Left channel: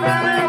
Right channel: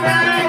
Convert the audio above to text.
Thank you.